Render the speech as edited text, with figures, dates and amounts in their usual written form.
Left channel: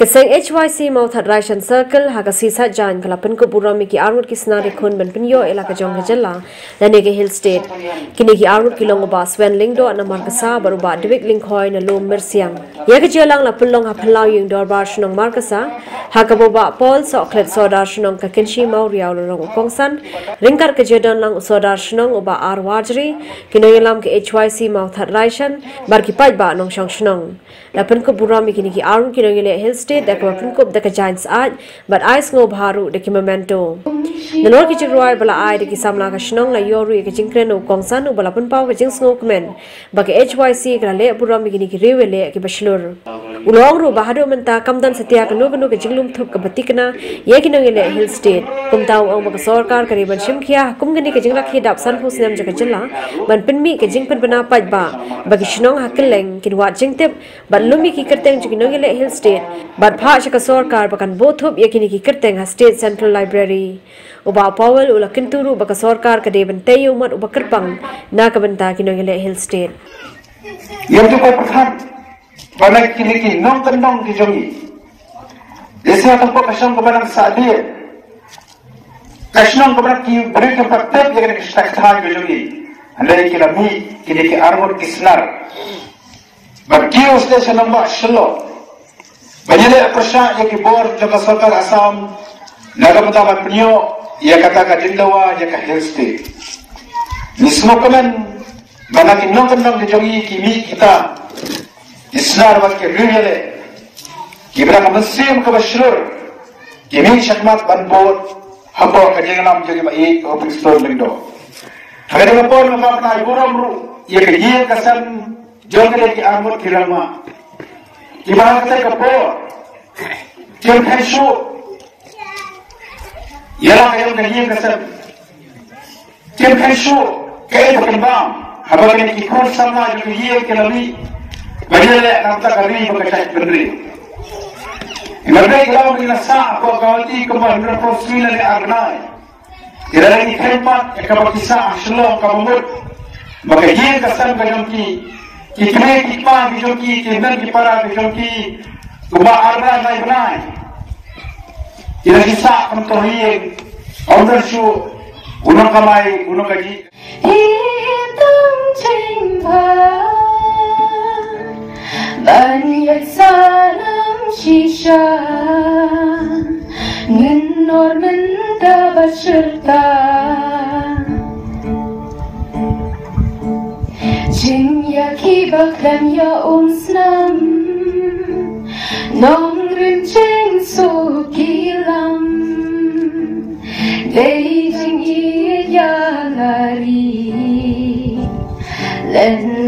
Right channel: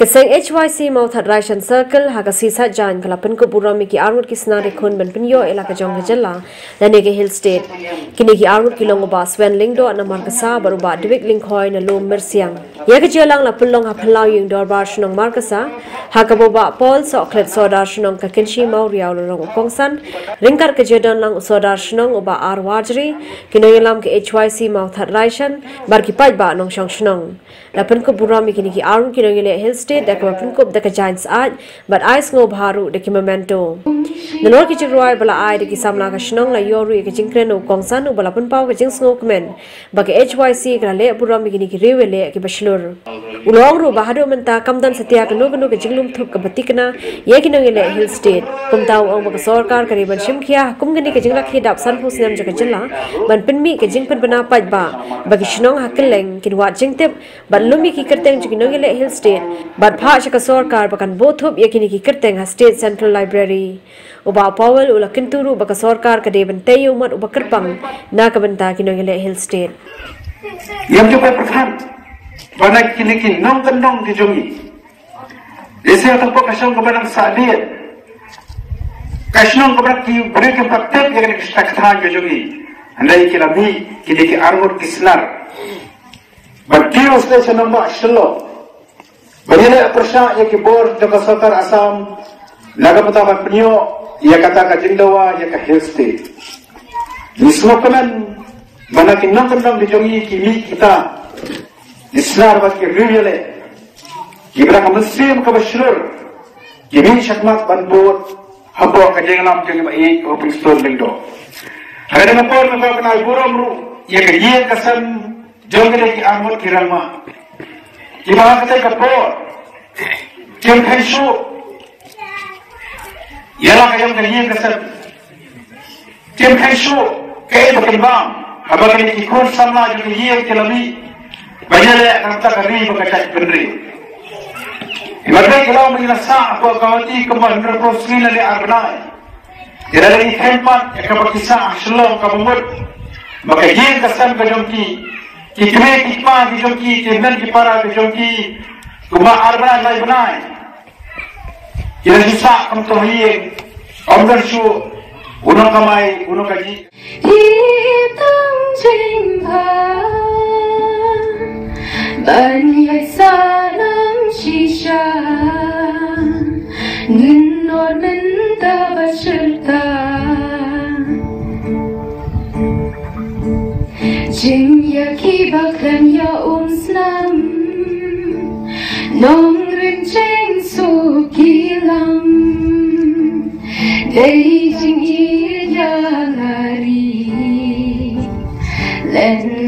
Keseng HYC mau that Raishan Circle haga sisa jan kalapan ko burami ki armut ki snare khon ban pinyo ela ka jong jalla lane ke hill state kini ki armut ki longo ba swen lingdo na markasa baru ba debik lingkhoi na lo mersiang ya ke jelang la pulong ha phalau yung dor bar shnong markasa haga boba pol so klet sodar shnong ka kinshi mau riaw long kongsan ringkar ke jedon lang sodar shnong oba ar wajri kino yelam ke HYC mau that Raishan bar ki pai ba nong shong shnong lapan ko burami kini ki armut kino yele hill state dak mapun kop dak giants aj but ice ngo bharu dak memento nalor ki chirwai bala ai dak samla ka shnong la yoru ke jingkren no kongsan no bala pun paw ke jing ngo kmen bak HYC kra le buram gini ki rewele ke baslur ulong ru bahado menta kamdan setia ka no ke jinglum thup ka batikna ye ki no yele hill state kum taw ong bak sarkar kari ban shim khia kum gini ke jingla khi dap san phus nem jaka jilla ban pinmi ke jing pen bana paj ba bak shnong hakeleng ki wa jingtep ban lumi ki kerteng ki no yele hill state but Bhasha Sarkar bakan both of yakini ki kerteng ha State Central Library uba Powell ula kinturu baka Sarkar ka deban tayo mat uba kerpang na kabanta kino yele hill state yang juga pertama banak kini ki nong kendong di jomi desa tempat kasong kebanang sadia kasong kebanang ki beri tempat tep yang ki sakhan ke jomi andai ki lami kini ki armut kisnar bakio station number 16 Banyak persya yang kibor juga Sarkar Assam naga betapa penyo ia kata ka Jinglawa ia ka hill state. Ni semua kemen mana kinong di jongi kimi kita isnar mat ke riyale kibra musim ka bashlur kimi shakmat banbor habo ka Jinglam jeli ba e open store lindo. Kada na por na pa buram ru ia ka yen kasan jongi ki amot kirama. Ibarat kata kapor, kian kaisu, ialah kayong nanging kasar. Kian kaisu, kaya berkembang, habang ini ikut sama juga yang kelami, banyak nanti kami berkait bendri. Mereka kalau menjelasa apa kawati kembali berproses dari arbnai, tidak lagi tempat yang kabakisah selong kabumut, maka yang kasar kajongki. Ikme kikma bijongki kenan kipara bijongki kuma arbana nai banai kira sisa kamtohi amdan su unang kamai unang kaji hitang jingha banyak salam shisha ninno ninda basyurta Ki baklan ya snam nong rin ching su kilang day jing ya lari len